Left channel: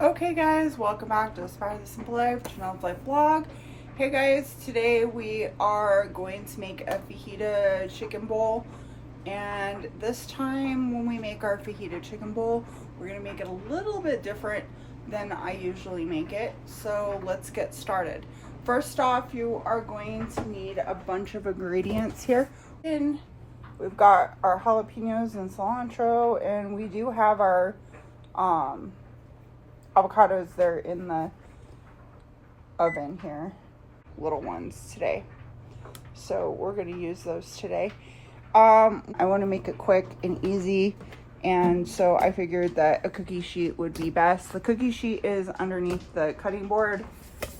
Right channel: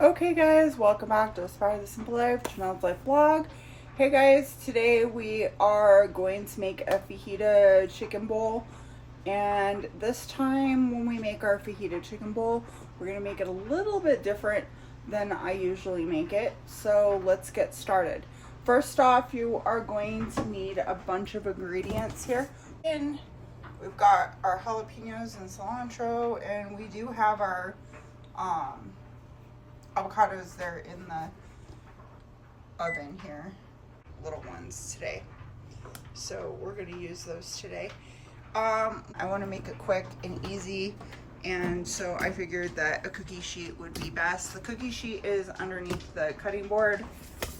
Okay guys, welcome back to Aspire the Simple Life, Janelle's Life Vlog. Hey guys, today we are going to make a fajita chicken bowl. And this time when we make our fajita chicken bowl, we're going to make it a little bit different than I usually make it. So let's get started. First off, you are going to need a bunch of ingredients here. And we've got our jalapenos and cilantro, and we do have our avocados. They're in the oven here, little ones today, so we're going to use those today. I want to make it quick and easy, and so I figured that a cookie sheet would be best. The cookie sheet is underneath the cutting board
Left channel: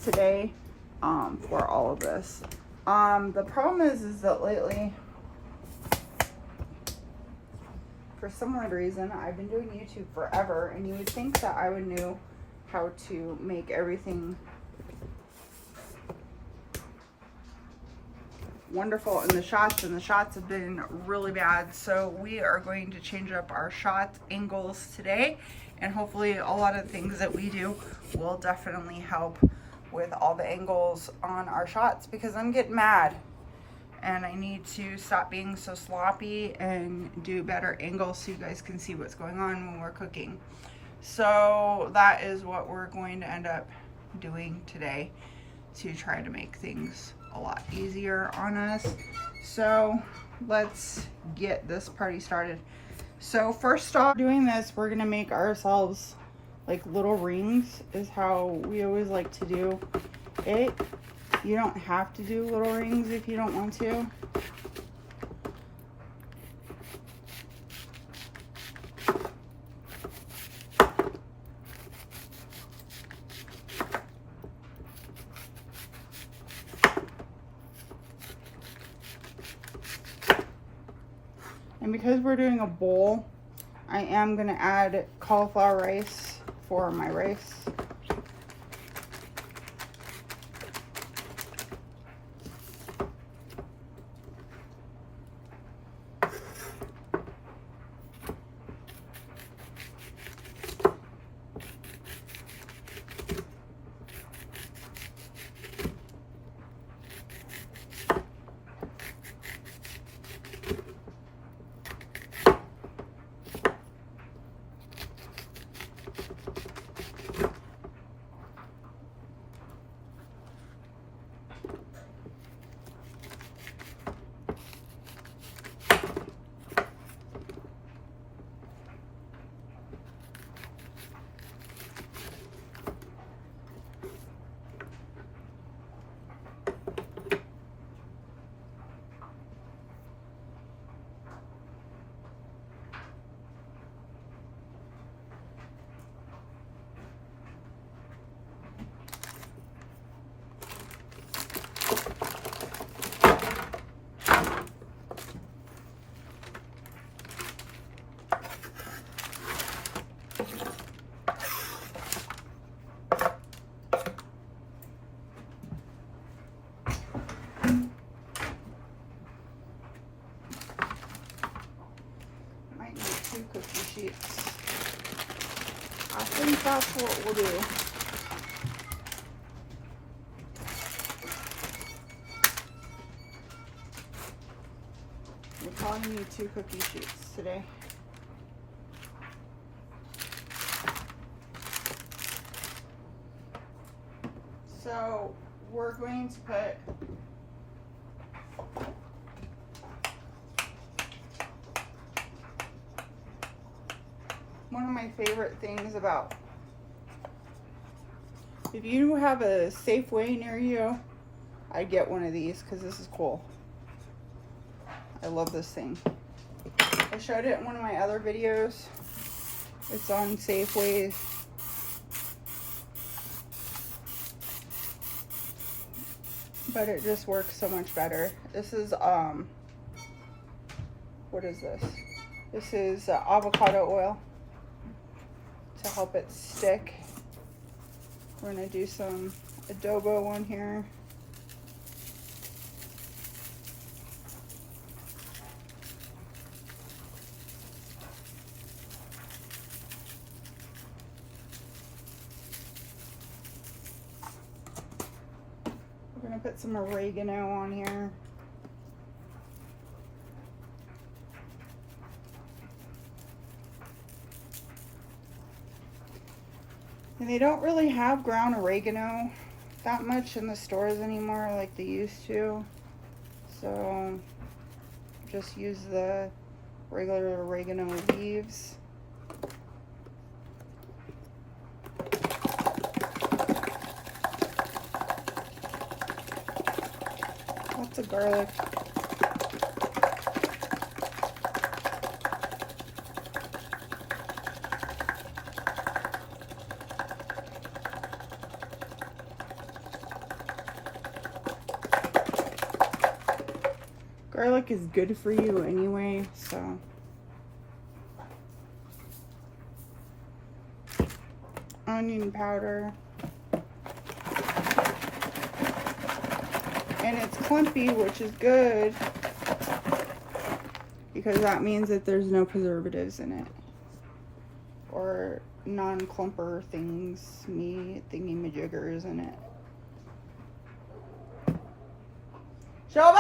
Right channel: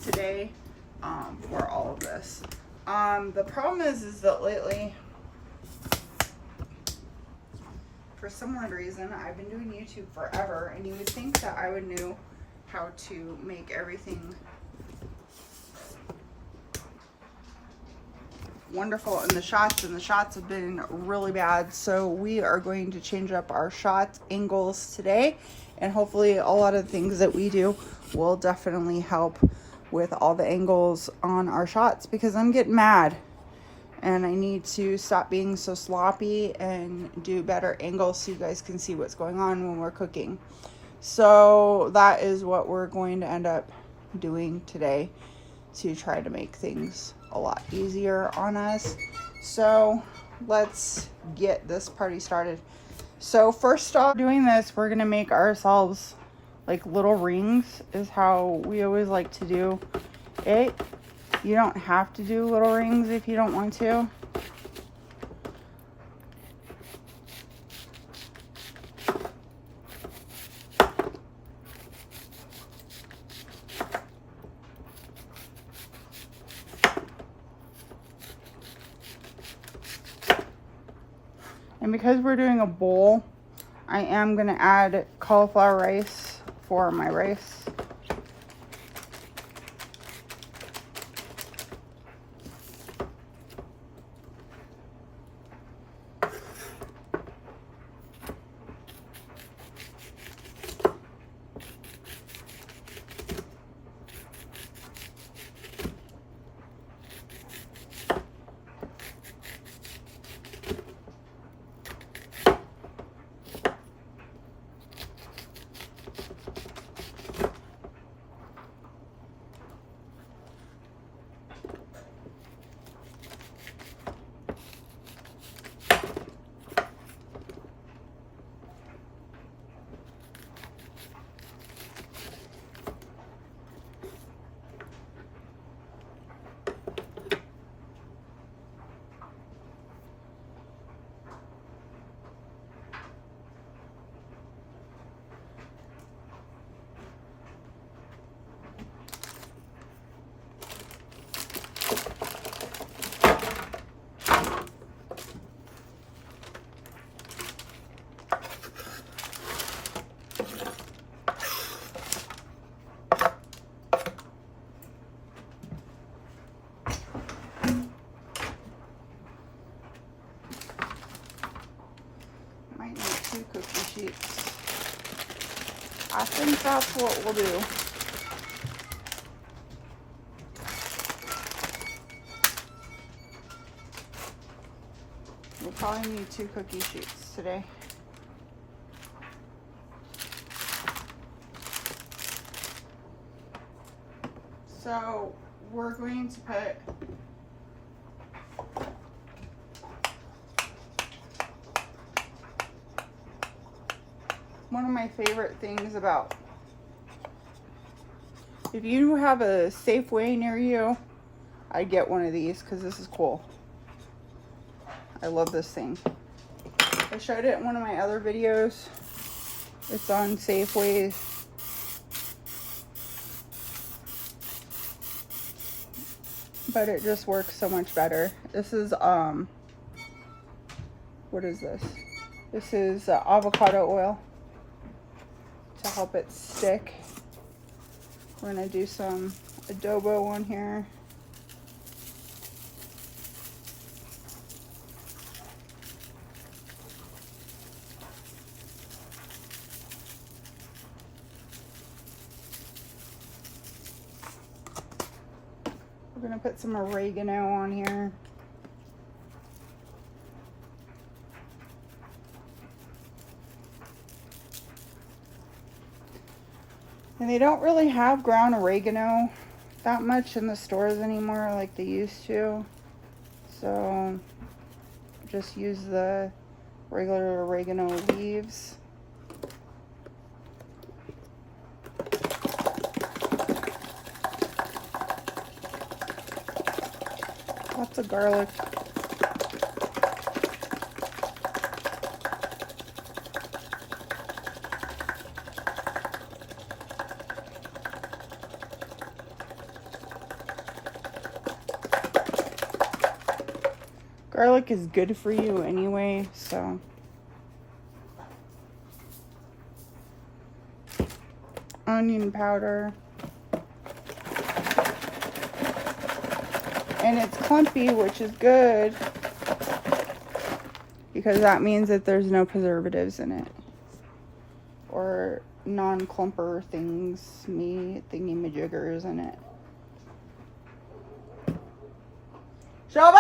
today for all of this. The problem is that lately, for some odd reason, I've been doing YouTube forever, and you would think that I would know how to make everything wonderful in the shots, and the shots have been really bad. So we are going to change up our shot angles today, and hopefully a lot of the things that we do will definitely help with all the angles on our shots, because I'm getting mad and I need to stop being so sloppy and do better angles so you guys can see what's going on when we're cooking. So that is what we're going to end up doing today to try to make things a lot easier on us. So let's get this party started. So first off, doing this, we're gonna make ourselves like little rings, is how we always like to do it. You don't have to do little rings if you don't want to. And because we're doing a bowl, I am gonna add cauliflower rice for my rice. I think that's what we'll do. We'll probably need 2 cookie sheets today. So we're going to put one of my favorite things about, if you have a Safeway near you, I'd get one of these because this is cool. I love this thing. I showed it in one of my other videos. It's on Safeway. But it just works so much better. This is, what is this? This is avocado oil to help it stick. We're gonna do some adobo on here. We're gonna put some oregano on here. And they don't really have ground oregano that much in the stores anymore like they used to. So just use the regular oregano leaves. Lots of garlic. Garlic is good for you anyway, so. Onion powder. And it's clumpy, which is good because that means that there's no preservatives in it or non-clumper things, thingy-majiggers in it. Shelby!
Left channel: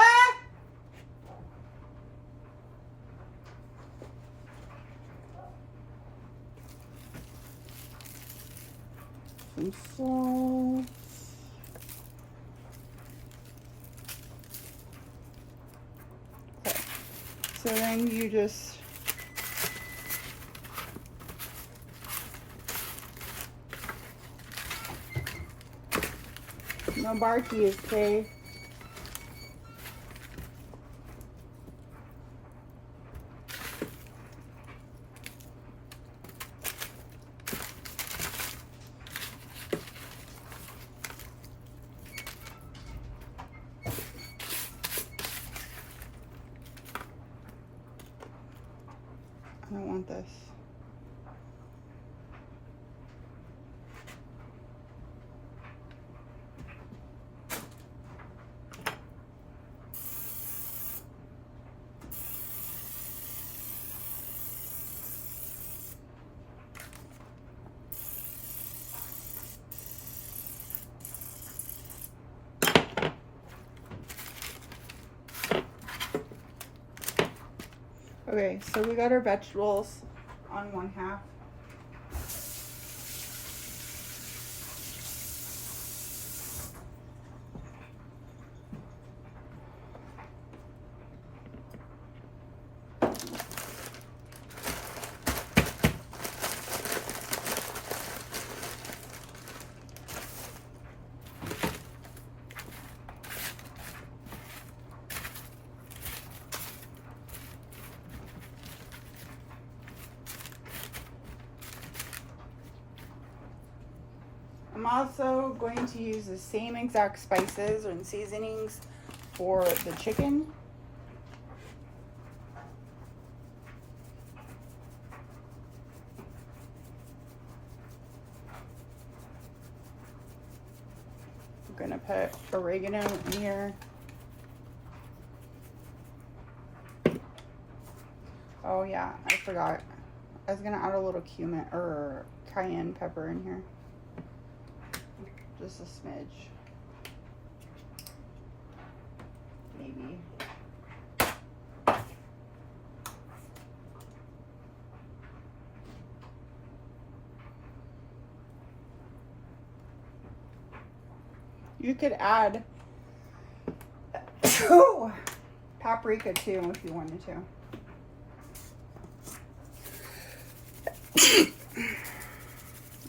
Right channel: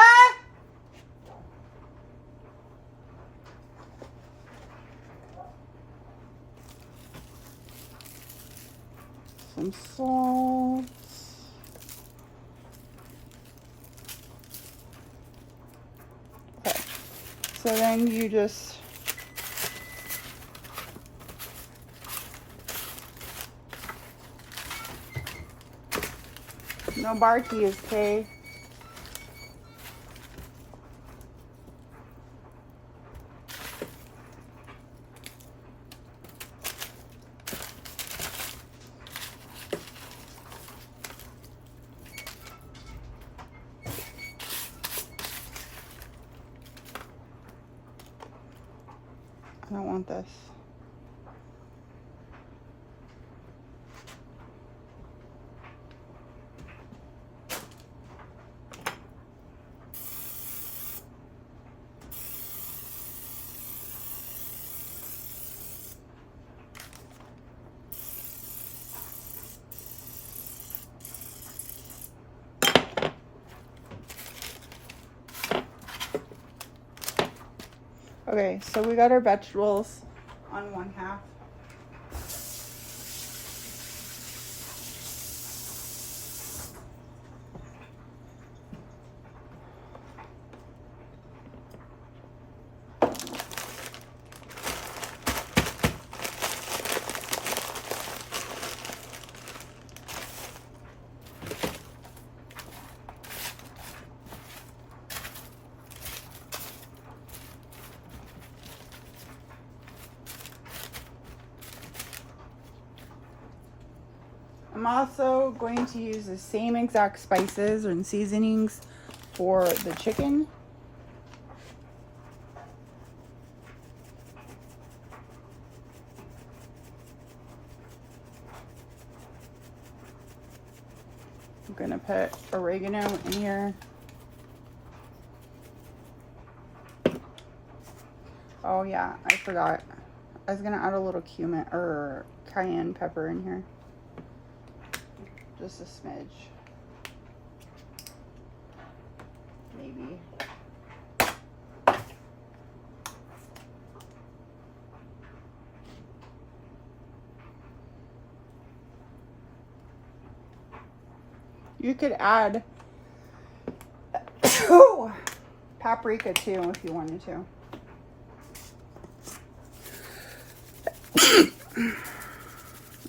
Some salt. Okay. So then you just no barkies, okay? I don't want this. Okay, so we got our vegetables on 1/2. I'm also going to use the same exact spices and seasonings for the chicken. I'm going to put oregano in here. Oh yeah, I forgot. I was going to add a little cumin or cayenne pepper in here. Just a smidge. Maybe. You could add paprika too if you wanted to.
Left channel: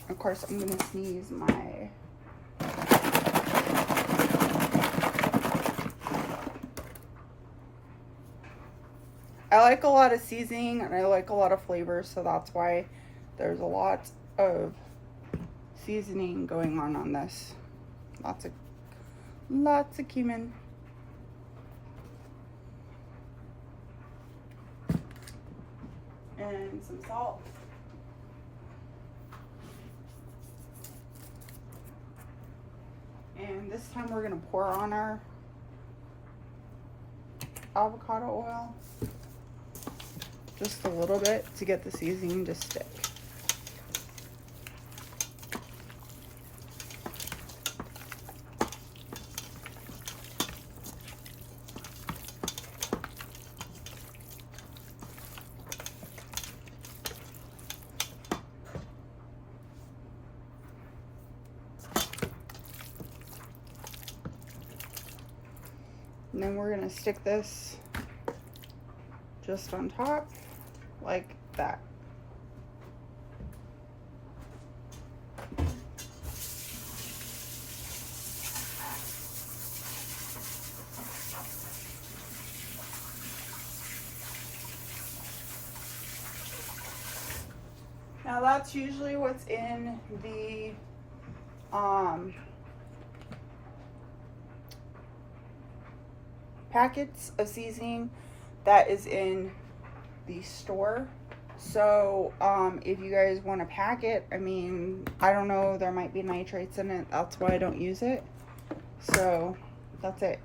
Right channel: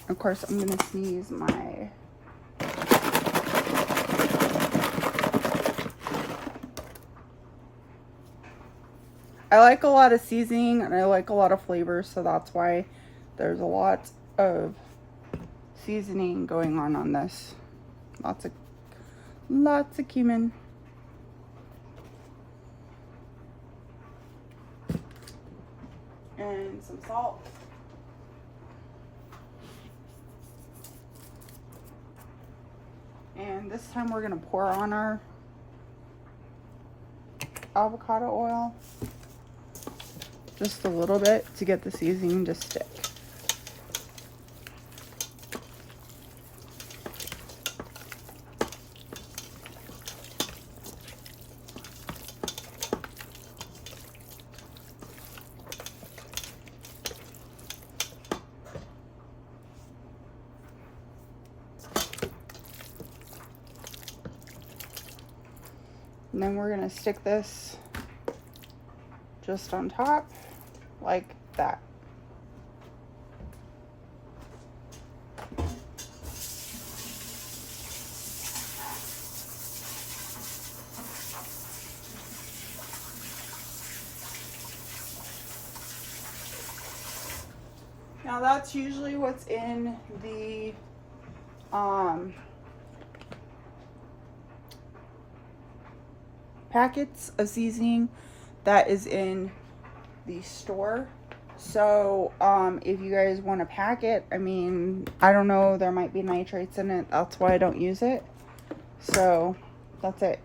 Of course, I'm going to sneeze my I like a lot of seasoning and I like a lot of flavor, so that's why there's a lot of seasoning going on this. Lots of cumin. And some salt. And this time we're gonna pour on our avocado oil. Just a little bit to get the seasoning to stick. And then we're gonna stick this just on top like that. Now that's usually what's in the packets of seasoning that is in the store. So if you guys want to pack it, I mean, I don't know, there might be nitrates in it. That's why I don't use it. So that's it.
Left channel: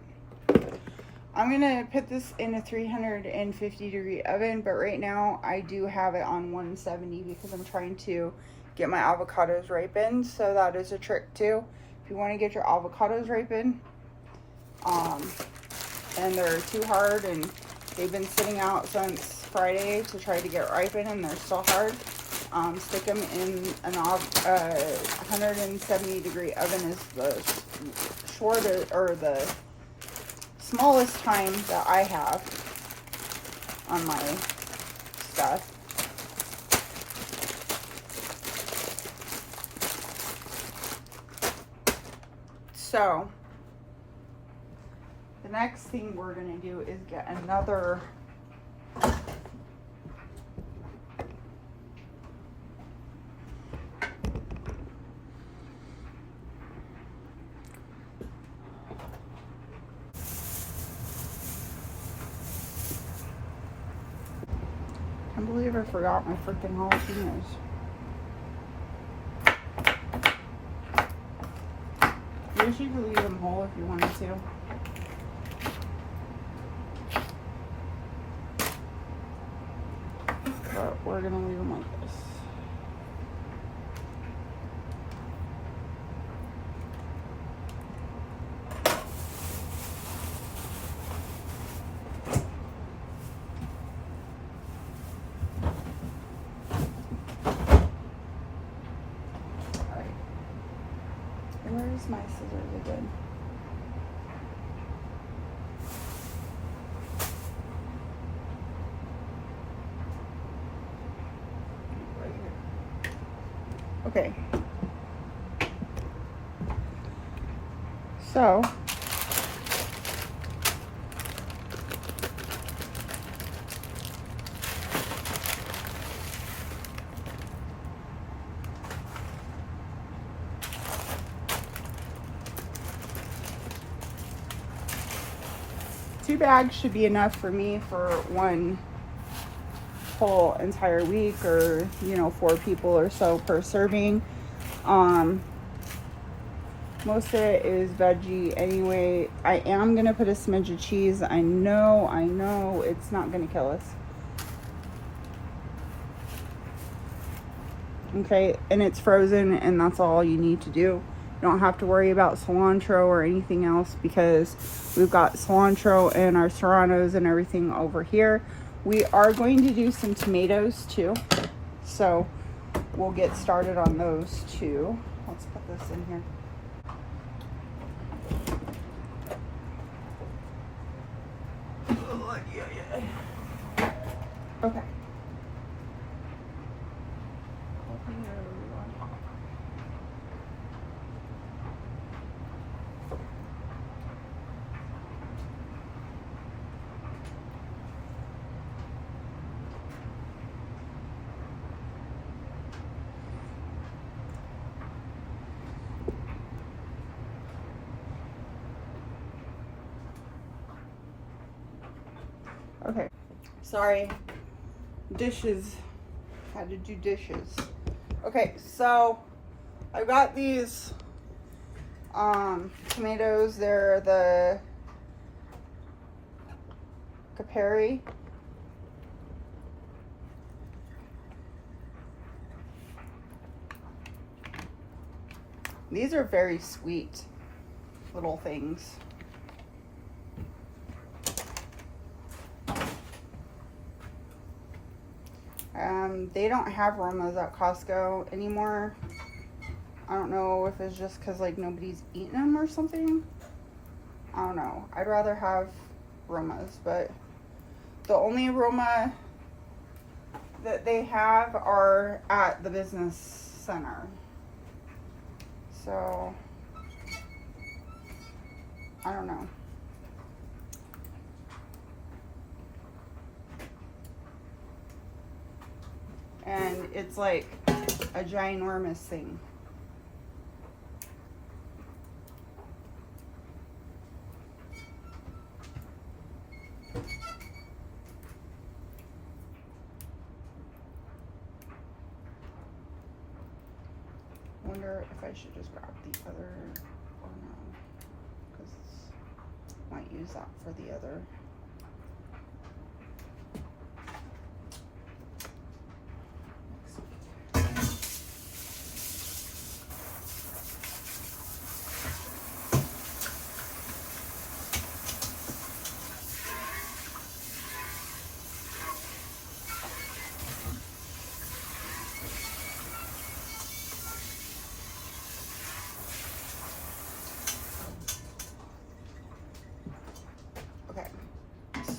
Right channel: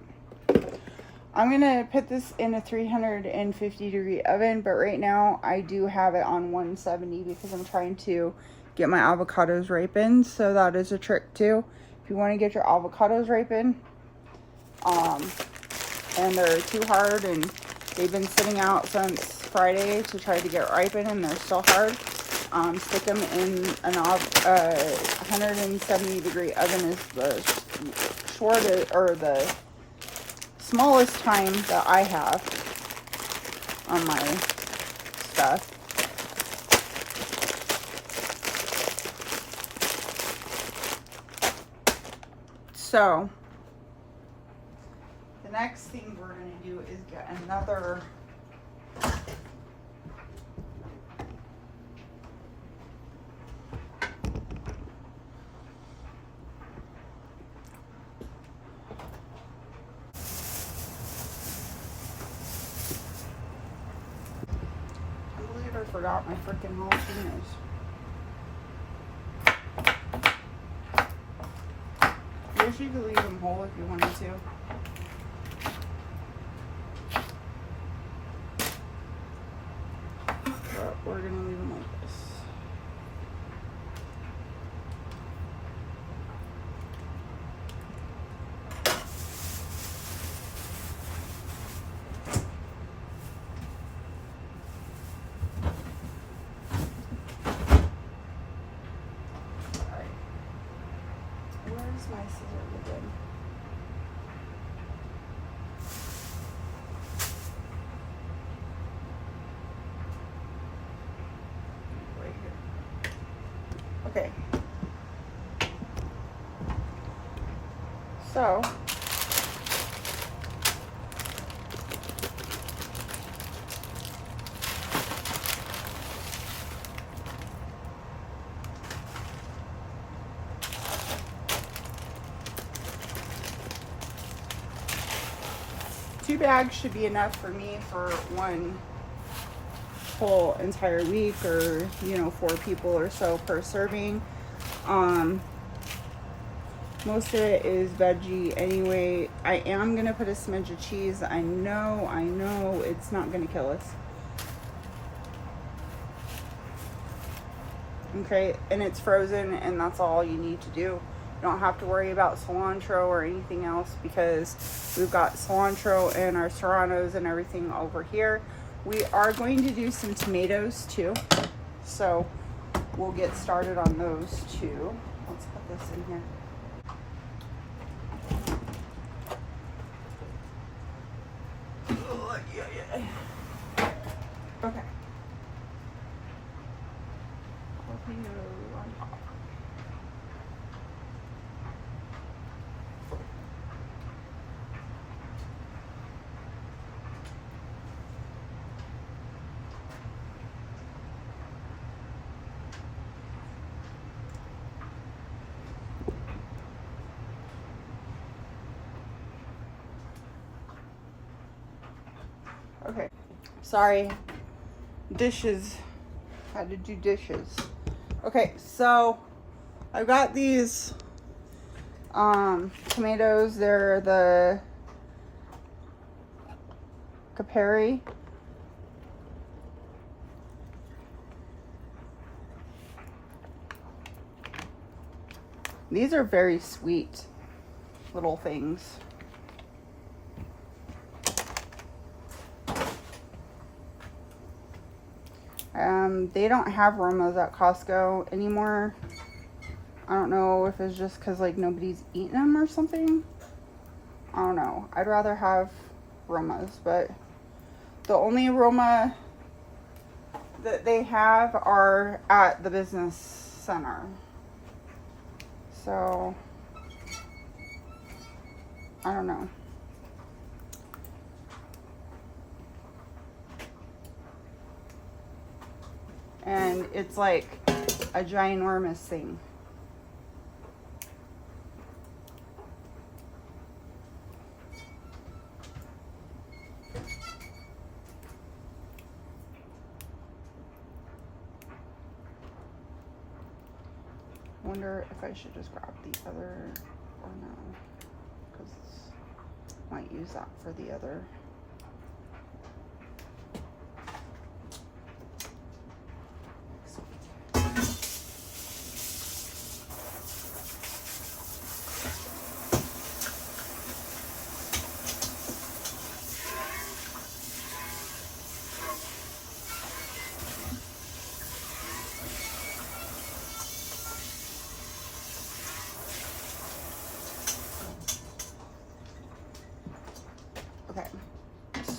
I'm gonna put this in a 350-degree oven, but right now I do have it on 170 because I'm trying to get my avocados ripened. So that is a trick too. If you want to get your avocados ripened, and they're too hard and they've been sitting out since Friday to try to get ripened and they're still hard, stick them in an 170-degree oven is the shortest or the smallest time that I have on my stuff. So the next thing we're going to do is get another I believe I forgot my freaking jalapenos. I wish you could leave them whole if you wanted to. But we're gonna leave them like this. Where's my scissors again? Okay. So two bags should be enough for me for one whole entire week, or you know, 4 people or so per serving. Most of it is veggie anyway. I am gonna put a smidge of cheese. I know it's not gonna kill us. Okay, and it's frozen, and that's all you need to do. You don't have to worry about cilantro or anything else because we've got cilantro and our serranos and everything over here. We are going to do some tomatoes too, so we'll get started on those too. Let's put this in here. Oh, yeah. Okay. Jalapeno on top. Okay, sorry, dishes, had to do dishes. Okay, so I got these tomatoes. They're the Capri. These are very sweet little things. They don't have Romas at Costco anymore. I don't know if it's just because like nobody's eating them or something. I don't know. I'd rather have aromas, but the only aroma that they have are at the business center. So, I don't know. And it's like a ginormous thing. Wonder if I should just grab the other or no, because might use that for the other.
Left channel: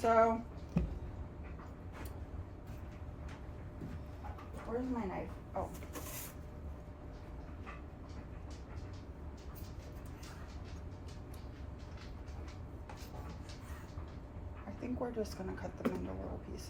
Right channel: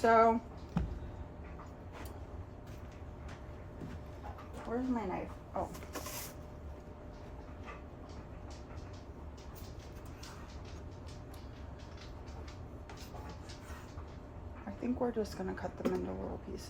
So, where's my knife? Oh. I think we're just gonna cut them into little pieces.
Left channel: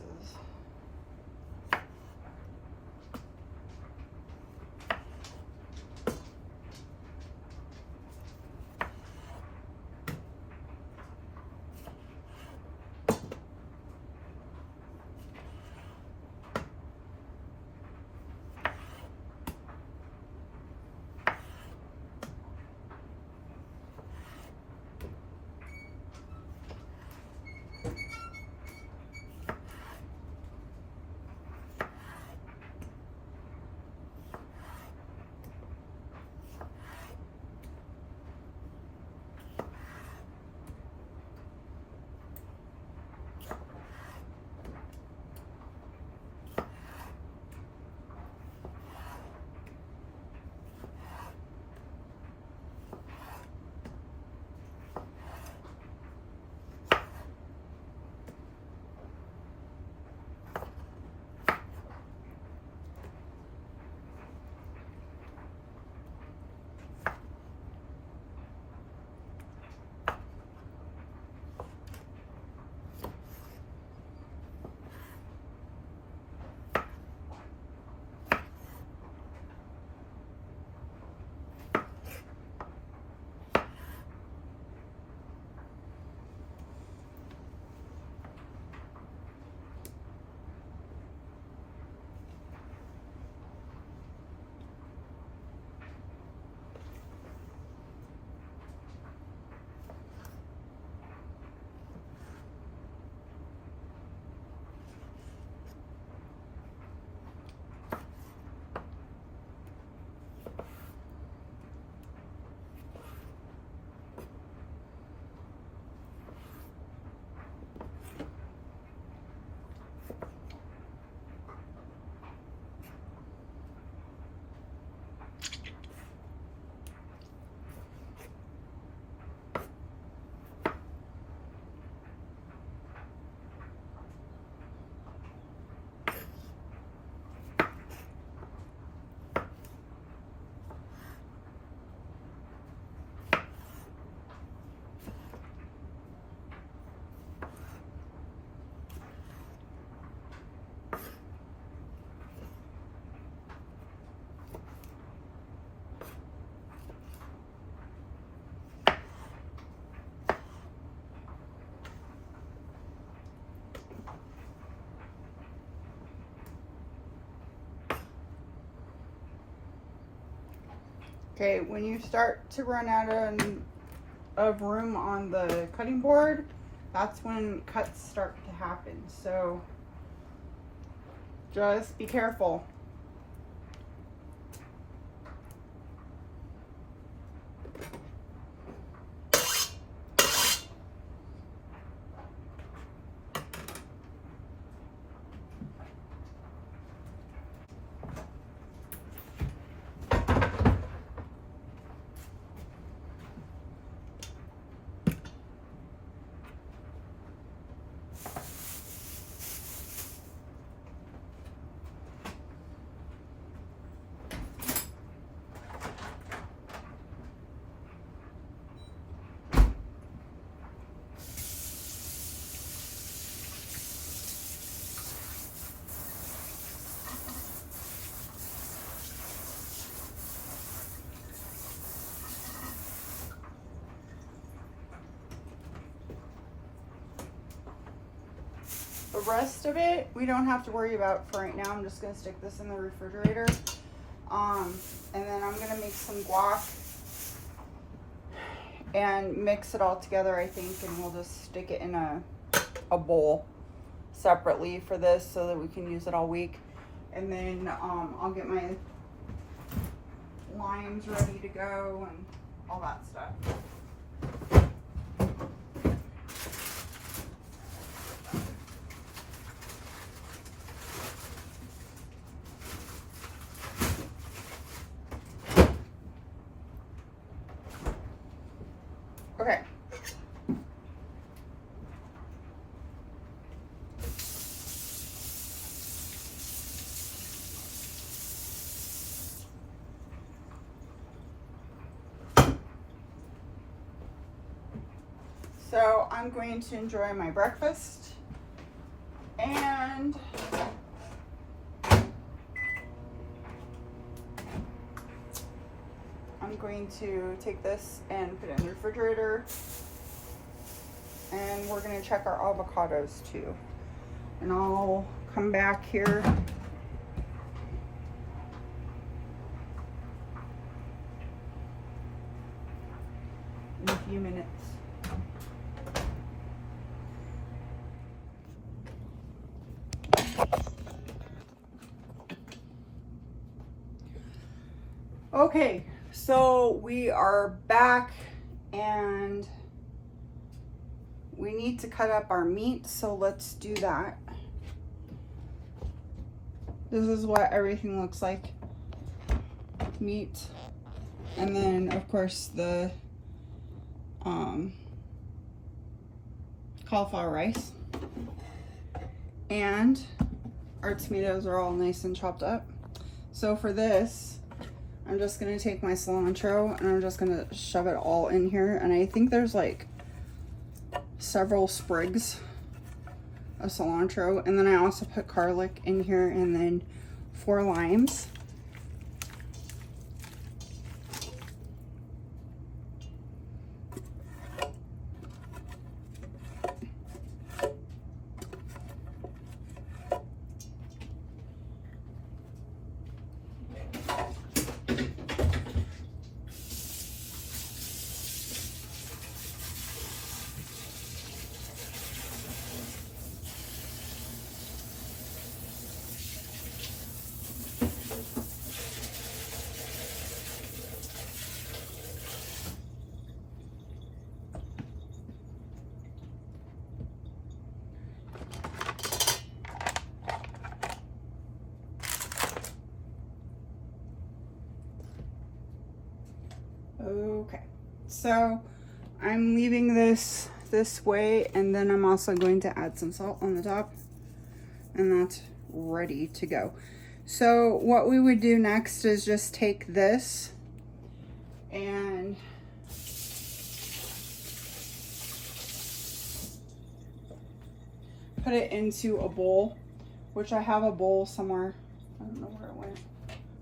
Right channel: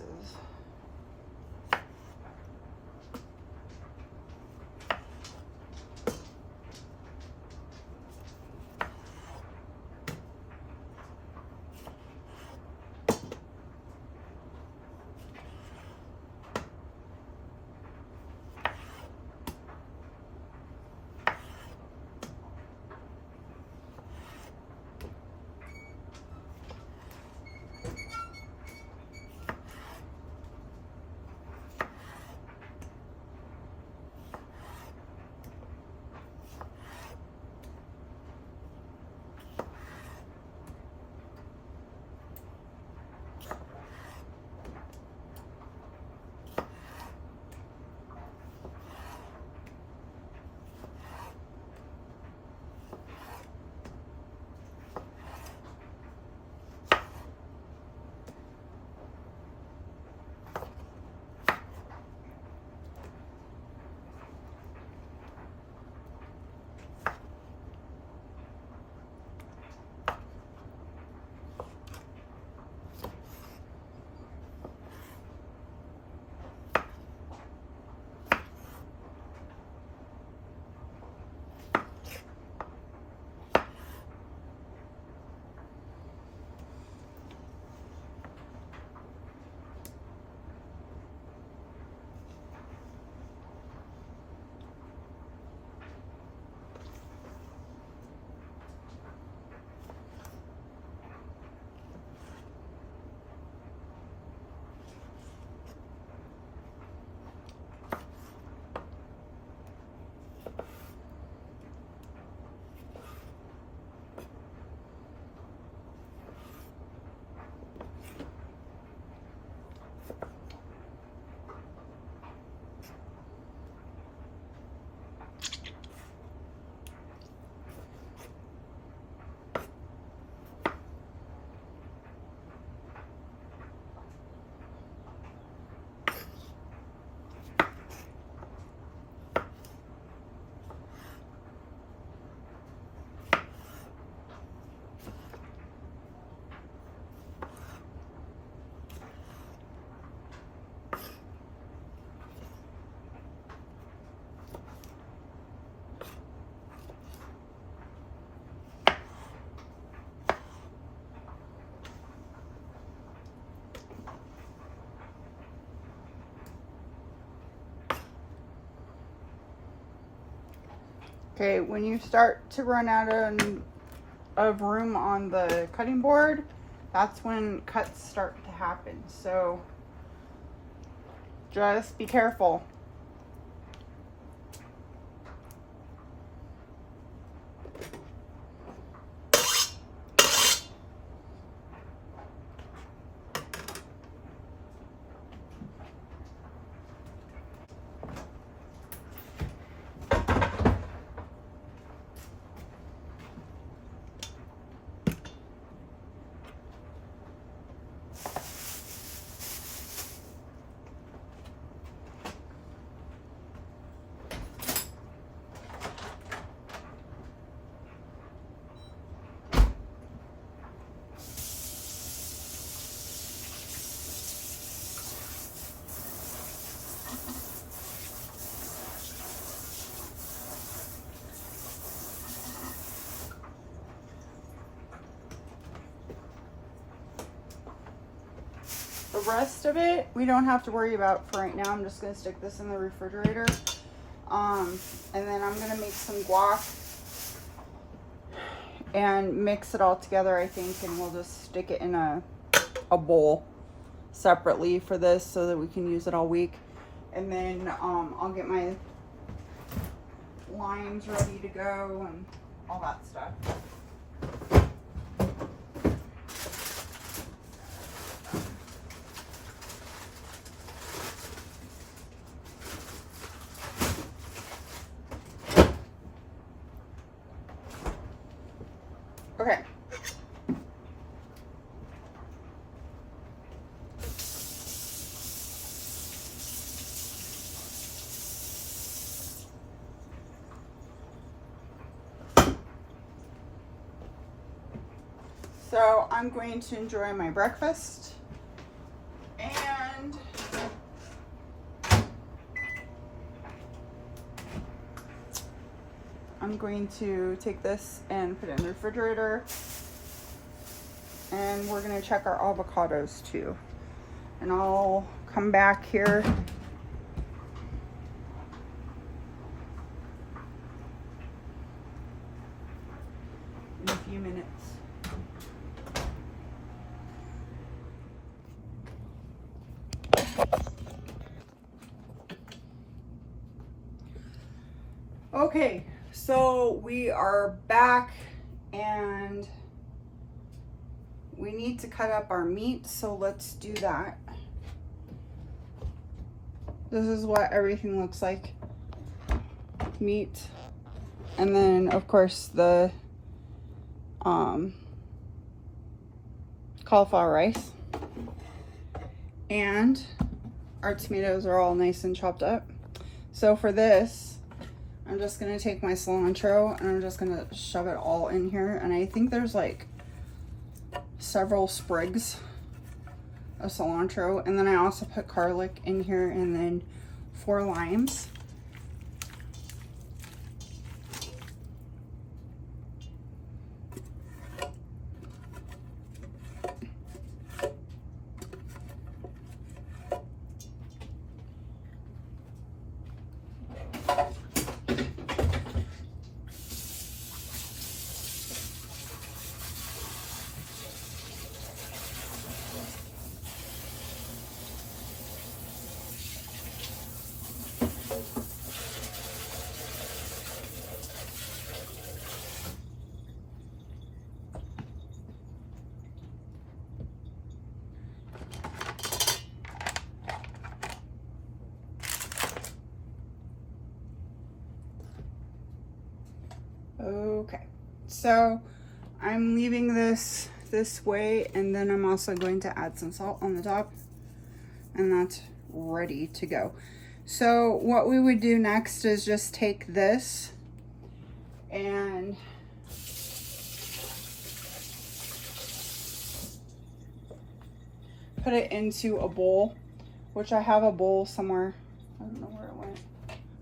Okay, when you start to run out of room on the cutting board, that's when cuts start to happen. So just be careful. rest of it, we don't have to worry about for right now. I'm just gonna stick this in the refrigerator. And then I'm gonna make some guac and mix it all together, I think, and we'll just stick it in a bowl separately for this so that we can use it all week. And then I'll get my limes ready to go and all that stuff. Okay. So I'm going to enjoy my breakfast, and I'm going to take this and put it in the refrigerator, and we're going to check our avocados too, and I'll come back here in a few minutes. Okay, so we are back and we need to cut up our meat, so let's do that. This is what everything looks like. Meat, and then of course the cauliflower rice, and our tomatoes are all nice and chopped up. So for this, I'm just gonna take my cilantro and I'm just gonna shove it all in here, and I think there's like several sprigs of cilantro, and then I also put garlic in here, and then 4 limes. Okay, so I'm leaving this way, and then I'm also going to add some salt on the top, and that's ready to go. So what we would do next is just take this and put it into a bowl, which I have a bowl somewhere. I don't know where it went.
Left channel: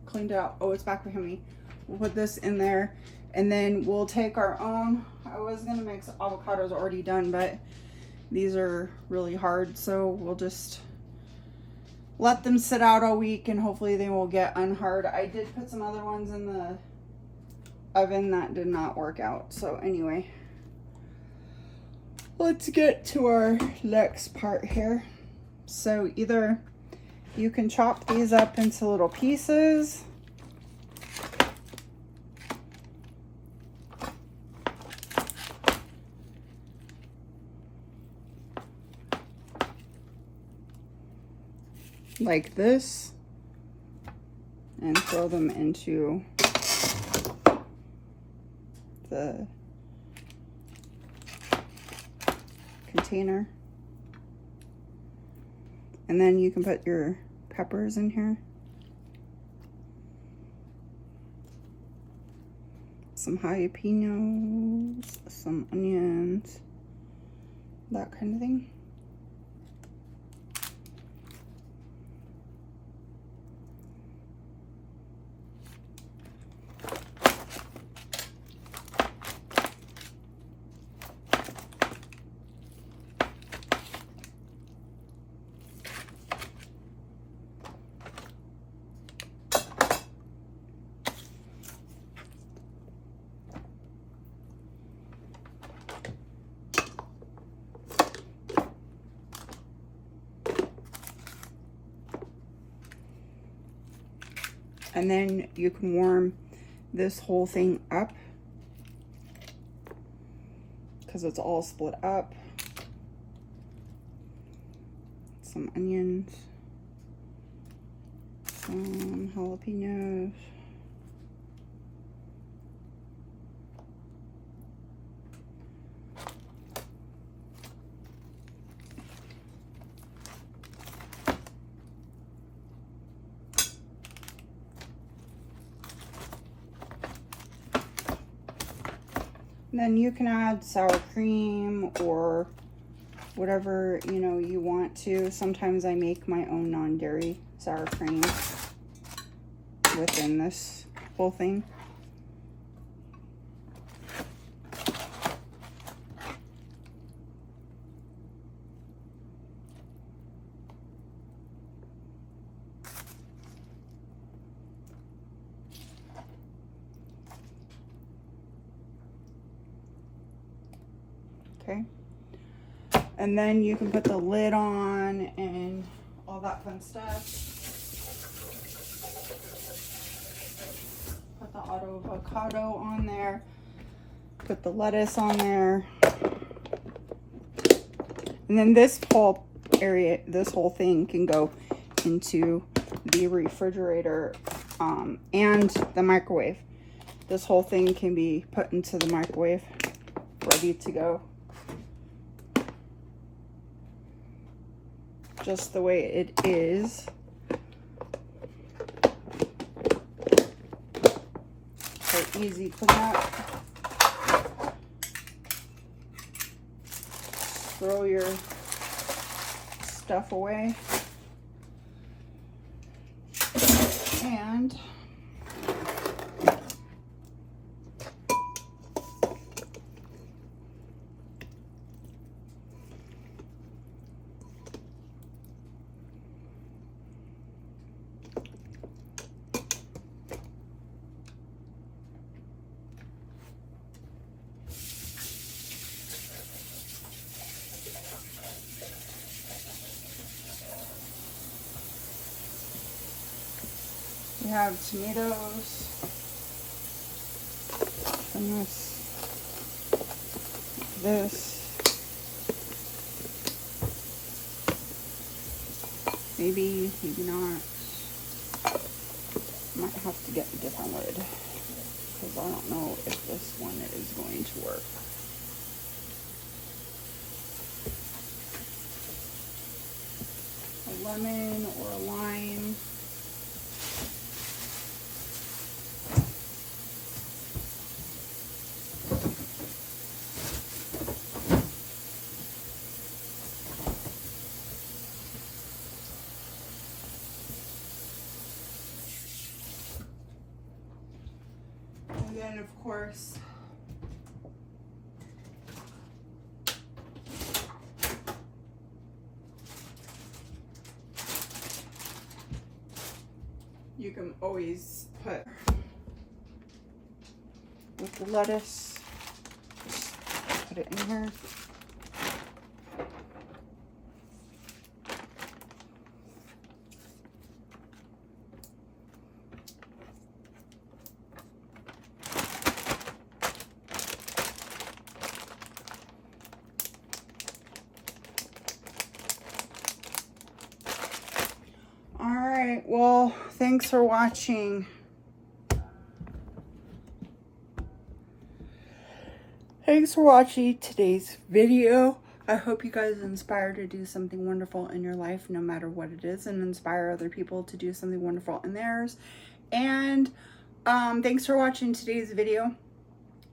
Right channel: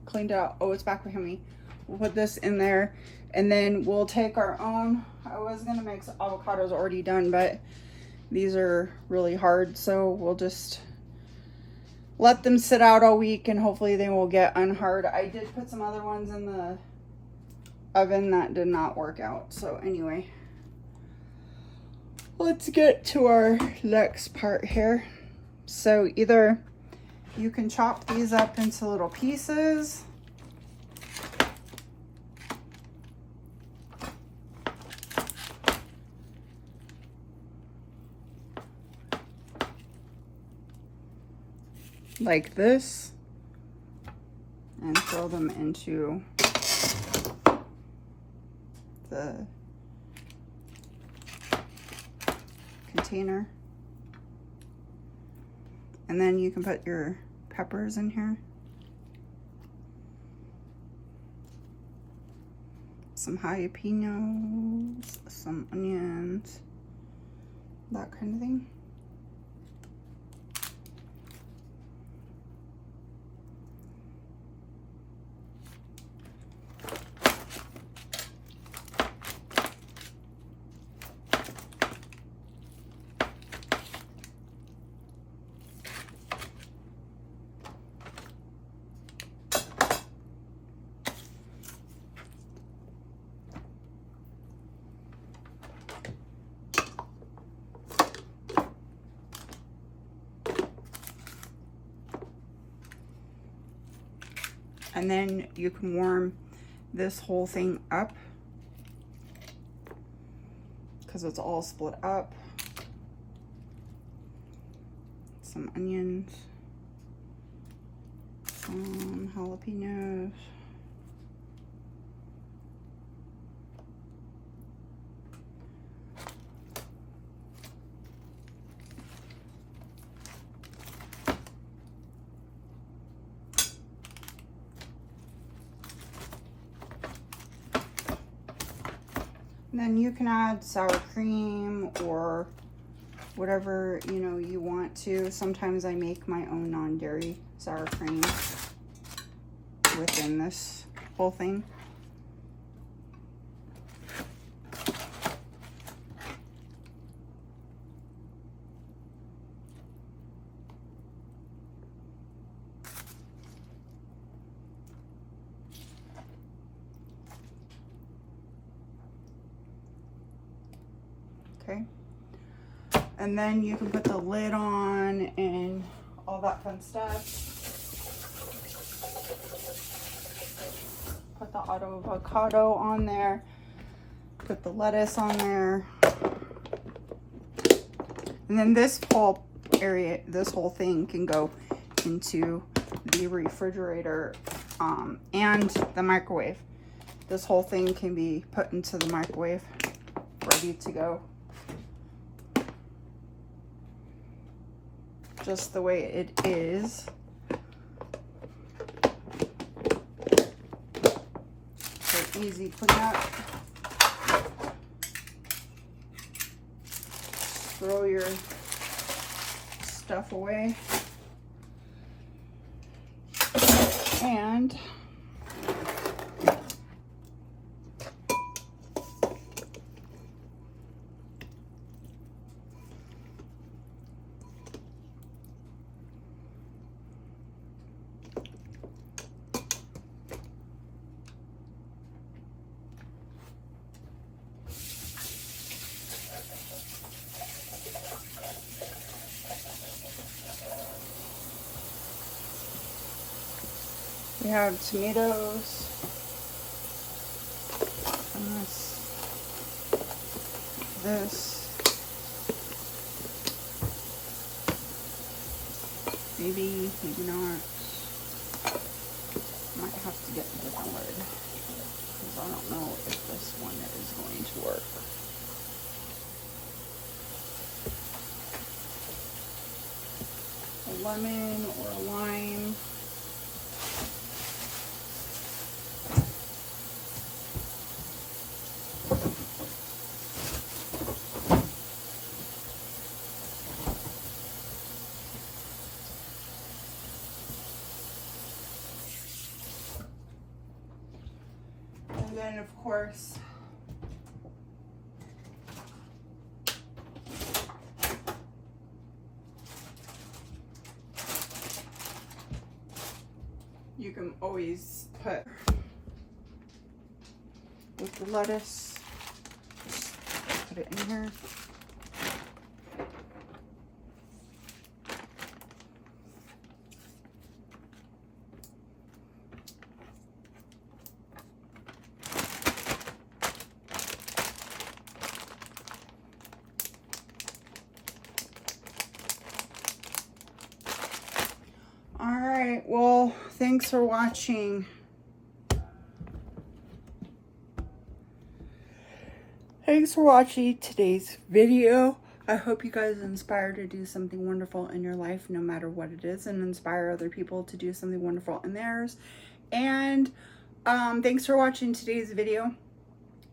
Cleaned it out. Oh, it's back behind me. We'll put this in there, and then we'll take our own. I was gonna make some avocados already done, but these are really hard, so we'll just let them sit out all week and hopefully they will get unhard. I did put some other ones in the oven that did not work out. So anyway, let's get to our next part here. So either you can chop these up into little pieces, like this, and throw them into the container. And then you can put your peppers in here, some jalapenos, some onions, that kind of thing. And then you can warm this whole thing up because it's all split up. Some onions, some jalapenos. Then you can add sour cream or whatever, you know, you want to. Sometimes I make my own non-dairy sour cream within this whole thing. Okay. And then you can put the lid on and all that fun stuff. Put the avocado on there. Put the lettuce on there. And then this whole area, this whole thing can go into the refrigerator and the microwave. This whole thing can be put into the microwave, ready to go. Just the way it is. So easy cleanup. Throw your stuff away. And we have tomatoes and this, maybe not. Might have to get a different lid because I don't know if this one is going to work. A lemon or a lime. And then, of course, you can always put with the lettuce, just put it in here. Well, thanks for watching. Thanks for watching today's video. I hope you guys are inspired to do something wonderful in your life, no matter what it is, and inspire other people to do something wonderful in theirs. And thanks for watching today's video.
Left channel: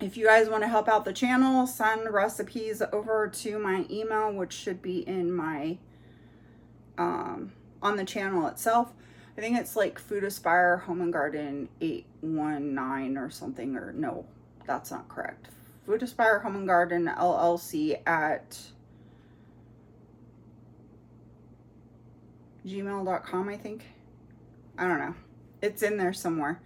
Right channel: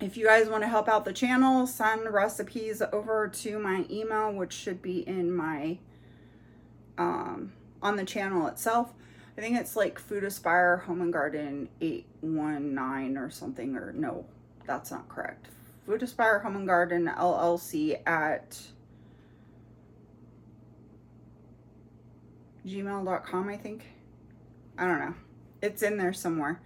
If you guys want to help out the channel, send recipes over to my email, which should be in my on the channel itself. I think it's like Food Aspire Home and Garden 819 or something, or no, that's not correct. Food Aspire Home and Garden LLC at gmail.com, I think. I don't know. It's in there somewhere.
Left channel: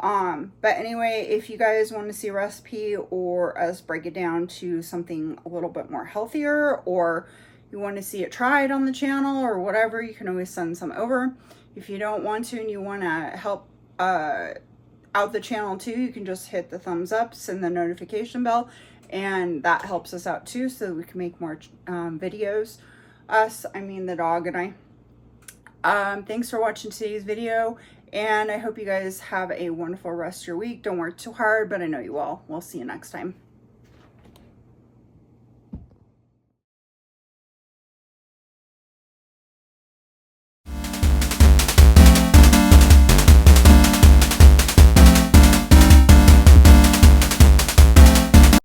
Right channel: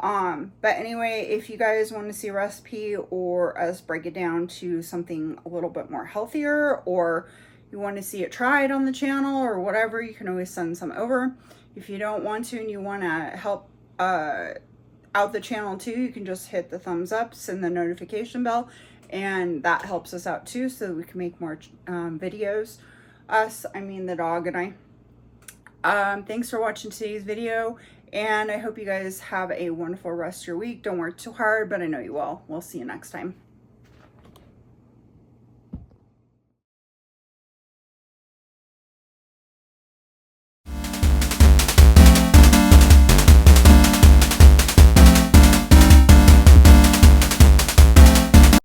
But anyway, if you guys want to see a recipe or us break it down to something a little bit more healthier, or you want to see it tried on the channel or whatever, you can always send some over. If you don't want to and you want to help out the channel too, you can just hit the thumbs up, send the notification bell, and that helps us out too, so that we can make more videos. I mean the dog and I. Thanks for watching today's video, and I hope you guys have a wonderful rest of your week. Don't work too hard, but I know you will. We'll see you next time.